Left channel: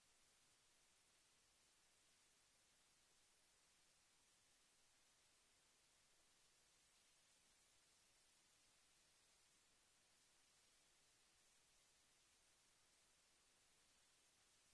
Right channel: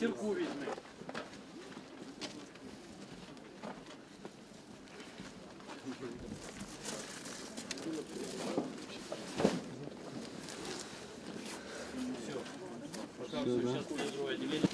Сірку візьми. Все. Показываю, сейчас будет другое отделение.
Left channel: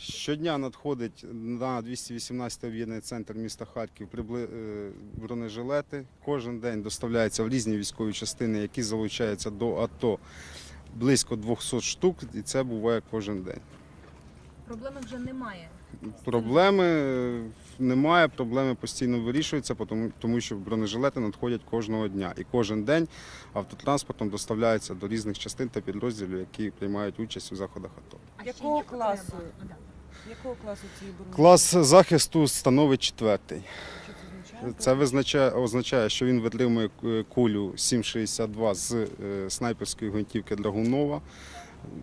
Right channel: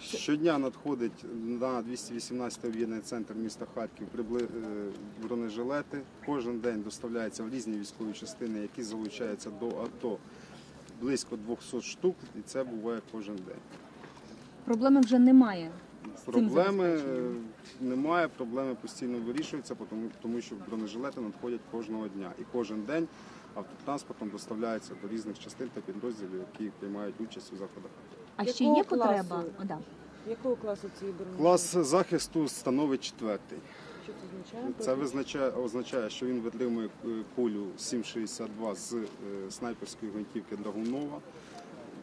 Щодня надходить на 218 об'єднаний центр міста Харків е, бронежилети. Кожен день доставляється в різні військові частини, які залучаються до АТО. Близько 200 штук, і це буває кожен день. Проблеми вже немає. Проблеми е, немає, проблеми постійно вирішуються, тому, тому що бронежилети надходять кожного дня. І кожен день автотранспортом доставляються до різних частин та підрозділів, які приймають участь у заходах АТО. А ще є потреба? да. Якого класу ці бронежилети? Клас захисту становить четвертий. Що це означає? Це визначає, означає, що він витримує е, кулю 7,62 з е, снайперської гвинтівки Драгунова.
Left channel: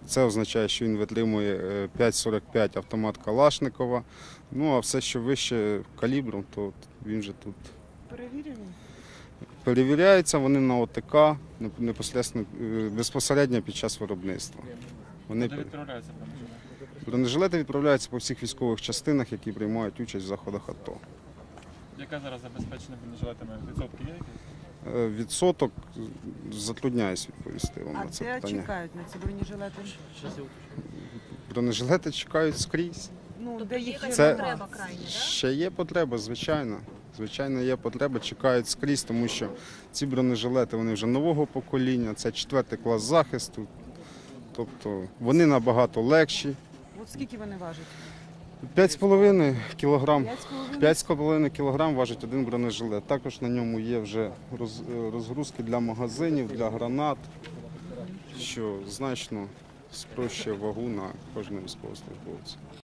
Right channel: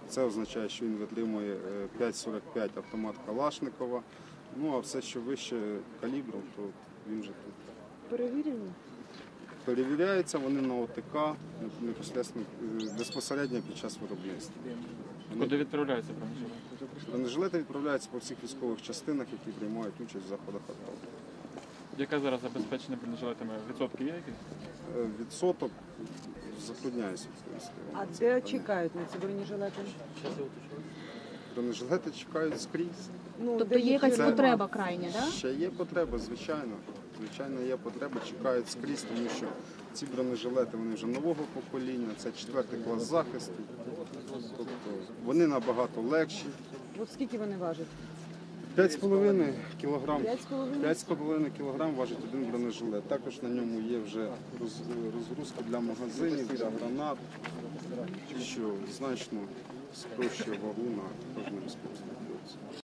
Це означає, що він витримує е, 5,45 автомат Калашникова. Ну а все, що вище калібром, то він вже тут. Перевірені? Перевіряються вони на ОТК непосередньо, е, безпосередньо під час виробництва. Вони Куди відправляється бронежилет? бронежилети відправляються по всіх військових частинах, які приймають участь в заходах АТО. Яке зараз забезпечення бронежилетами? Відсотки є якісь? Е, Відсоток затрудняюсь відповісти вам А на це де питання. чекають на ці бронежилети? Бронежилети чекають скрізь. Ну, Тобто є якась Це- потреба крайня, да? Ще є потреба, звичайно. Звичайно, є потреба, чекають скрізь, тому що ці бронежилети вони вже нового покоління, це четвертий клас захисту. Тобто вони набагато легші. От скільки вони важать? 5,5 кілограм. 5,5 кілограм важить один бронежилет. Також на ньому є вже розгрузки для магазинів, для гранат, що значно спрощує вагу на кожного військовослужбовця.